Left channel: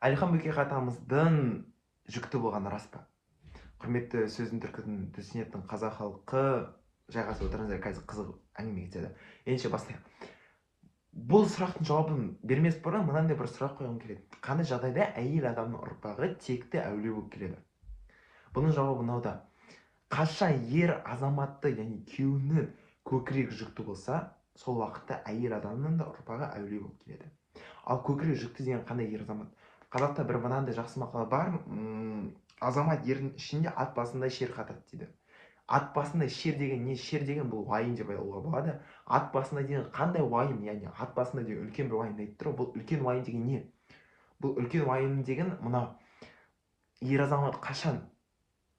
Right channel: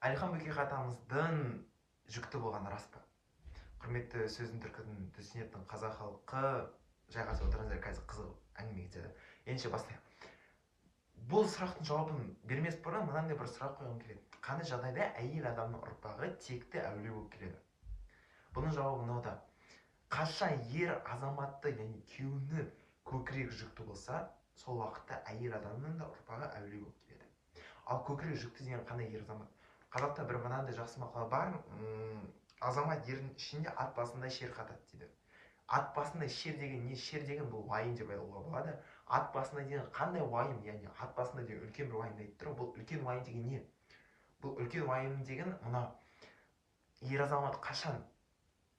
Әлихан Бөкей атамыздың жүкті болғаны рас па? Құрметті сөздің түркітін түсінетін қазақ халқы, жайғасып отырыңыздар, қазір қызық әңгіме кетеді. Ендеше бастайық. Бұл сұрақтың жауабын бермес бұрын мынандай бір сұрақ қойғым келеді. Қандай жағдайда әйел адамның ұрпағы текті әулие болып келеді? Бұның жауабы мынауда. Қашан ер азаматты, яғни күйеуінің көкірегі жүкті болса, сол уақытта әйел адамның да ұрпағы әулие болып келеді. Ал көкірегі жүкті деген қандай ер азамат? Қазақта бір мынандай жақсы мақал бар. Азамат ердің ішінде ат басында шер қатады дейді. Ат басында шер деген не? Шер деген бұл уайым деп айтуға болады. Ат басында деген қандай уайым? Яғни ат басында деген үлкен бір уайымды айтып тұр. Бұл үлкен уайым деген не? Бұл үлкен уайым деген мына ер азамат қашан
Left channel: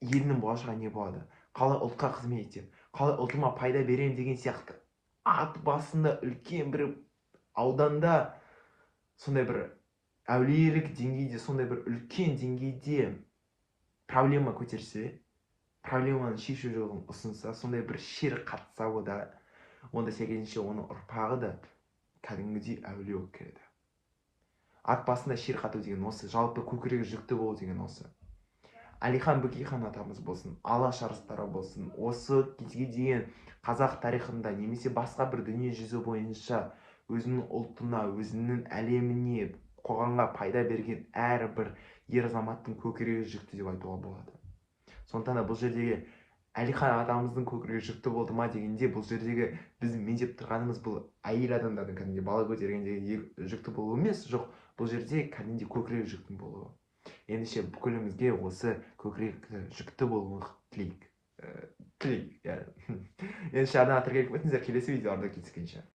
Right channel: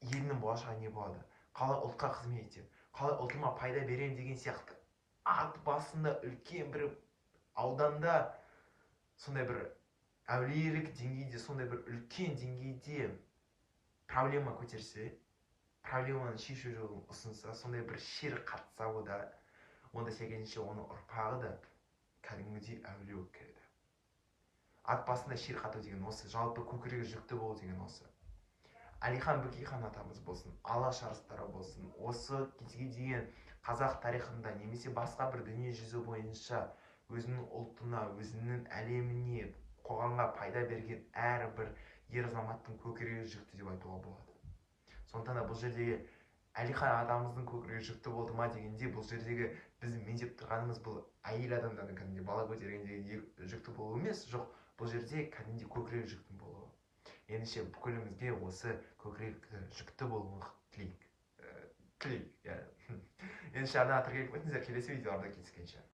елінің болашағы не болады? Қалай ұлтқа қызмет етемін? Қалай ұлтыма пайда беремін деген сияқты. Ат басында үлкен бір ауданда сондай бір әулиелік деңгейде, сондай бір үлкен деңгейде проблема көтерсе, проблеманы шешу жолын ұсынса, сондай бір шер қатса, онда сәйкесінше оның ұрпағы да кәдімгідей әулие болып келеді. Ат басында шер қату деген осы, жалпы көкірегі жүкті болу деген осы. Әлихан Бөкейхан атамыз болсын, алаш арыстары болсын, осы кезге дейін қазақ тарихында немесе басқа бір дүние жүзі бойынша өзінің ұлтына, өзінің әлеміне, қоғамға пайда берген әрбір ер азаматтың көкірегі жүкті деп айтуға болады. Сондықтан да бұл жердегі Әлихан атамыздың көкірегі жүкті болды ма дегенде, бұл жердегі біздің меңзеп тұрғанымыз бұл әйел адамдардың кәдімгідей бала көтергендегі жүкті болуы емес, жоқ, бұл жерде кәдімгідей көкірегі жүктің болуы. Ендеше бүкілімізге осы көкірегі жүкті болуын тілейік. Ендеше арнаған тіркеліп кетіңіздер, келесі видеоларда кездескенше.